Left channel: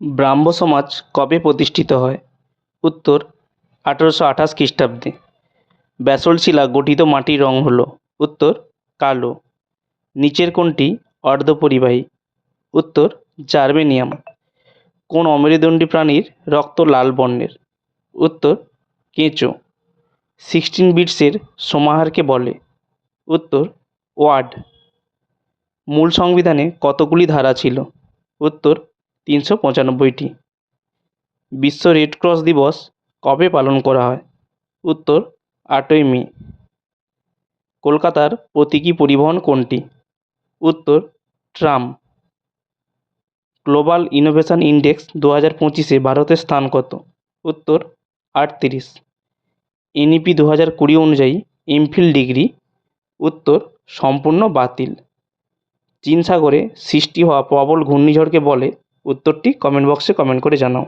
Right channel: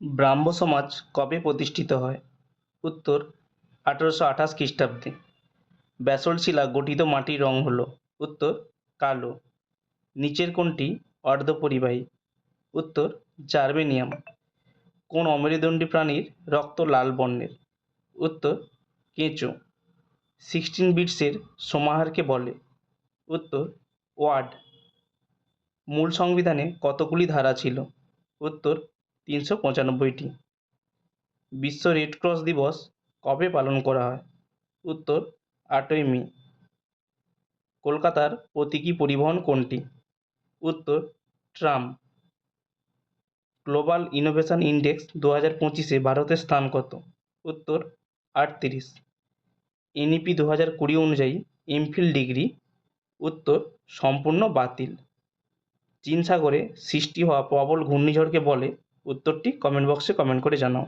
ব্রাহ্ম সমাজ কবে প্রতিষ্ঠিত হয়? উত্তর 1828 খ্রিস্টাব্দে। ব্যাসল্ট শিলা গঠিত মাটির রং হল? উত্তর কালো। নিচের কোনটি অর্ধপরিবাহী? উত্তর জার্মেনিয়াম। কোন অমেরুদণ্ডী প্রাণীর রক্ত লাল বর্ণের? উত্তর কেঁচো। 16 বিটসের সমাহারকে বলে? উত্তর ওয়ার্ড। মূল সংবিধানে কতগুলি ধারা ছিল? উত্তর 395টি। বিশ্ব রেড ক্রস দিবস কবে পালন করা হয়? উত্তর 8ই মে। কলকাতার প্রতীকী পরিবহন কোনটি? উত্তর ট্রাম। গ্লোবাল ইনোভেশন ইন্ডেক্স 2025-এ ভারতের স্থান কত? উত্তর 38। এনইপি 2020 অনুযায়ী এমফিল ডিগ্রি? উত্তর সম্পূর্ণ বাতিল। চীন সাগরে সৃষ্টি হওয়া প্রবল ঘূর্ণিঝড়কে বলে? উত্তরটি কমেন্ট বক্সে কমেন্ট করে জানাও।